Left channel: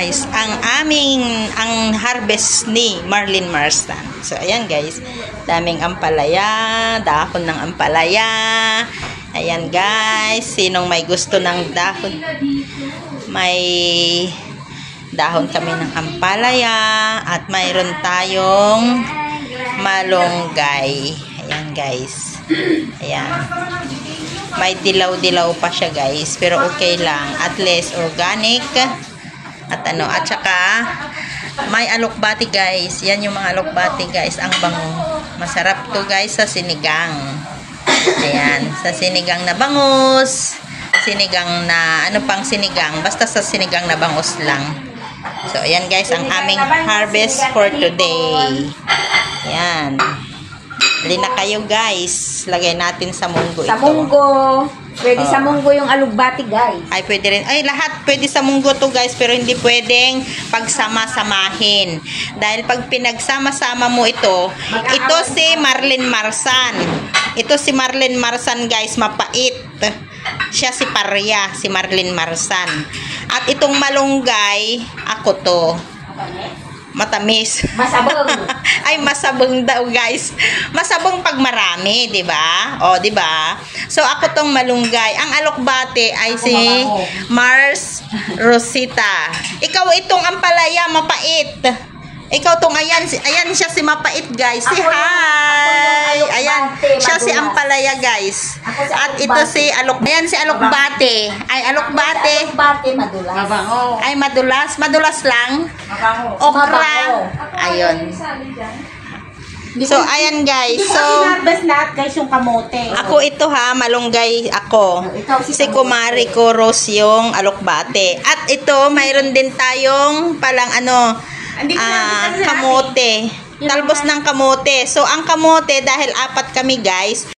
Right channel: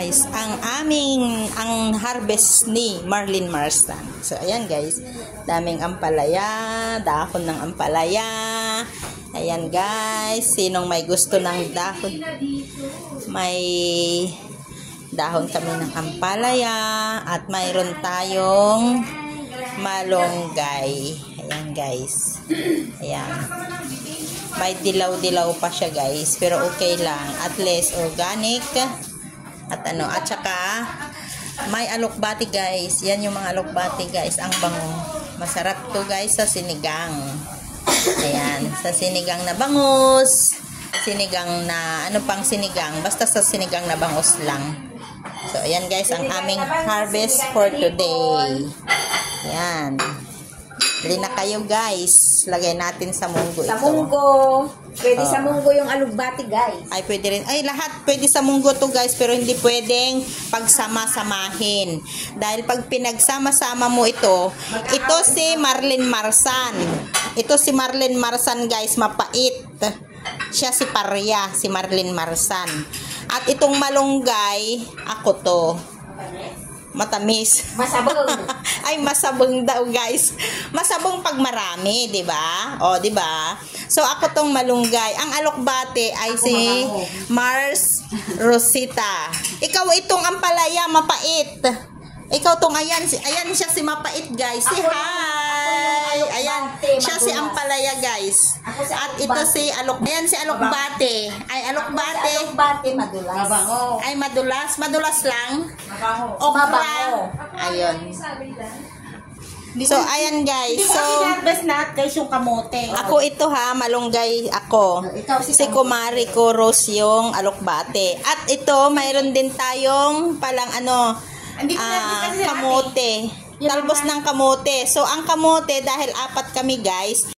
guys, ang harvest ni Marlene Marsan. So ayan guys, daming ampalaya, dahon ng ampalaya. Ayan guys, sinong may gusto ng dahon? May dahon kami ng ampalaya at mayroon tayong malunggay. Ayan guys. Ayan. May dilaw-dilaw pa siya guys, pero okay lang. At least organic. At saka may alokbati guys. Yan yung mga alokbati guys, ang bango. Masarap to guys sa sinigang. Ayan, sa sinigang na bangus, sinigang na, pang sinigang, basta sa sinigang na bangus lang. So, ayan guys, ang aming harvest for today. Ayan. Hindi na kayo guys, lagay natin sa munggo ito. Sa munggo. Pwede sa munggo yung alugbati guys. Ay, pwede rin. Ay, lahat pwede sa munggo to guys, pero hindi pwedeng pagsama-samahin. Dahil pag pinagsama-sama mo ito si Marlene Marsan. Ito si Marlene Marsan guys, mapait. Siya si Parya, si Marlene Marsan. At itong malunggay, ako to. Matamis. Masabong. Ay, masabong daw guys. Masabong pag marami, 'di ba? O, 'di ba? So ako tong malunggay. Ang alokbate ay si Mars Rosita. Ikaw itong ampalaya, mapait. Ikaw tong ayan siya si mapait guys. Si hi. Ayan, siya si ampalaya guys. At ito si ayan si alokbate. Ay alokbate. Alokbate madulas. Mabango. Ay madulas, madulas lang. Mabango. Okra. Ayun. So ayan guys. So harvest lahat guys yung kamote. ako ito ha, malunggay ako. Si Kumari ko Rose yung alokbate. At ito mayroon din tayong palang kamote. Talbos ng kamote. So ang kamote dahil 4 kami guys,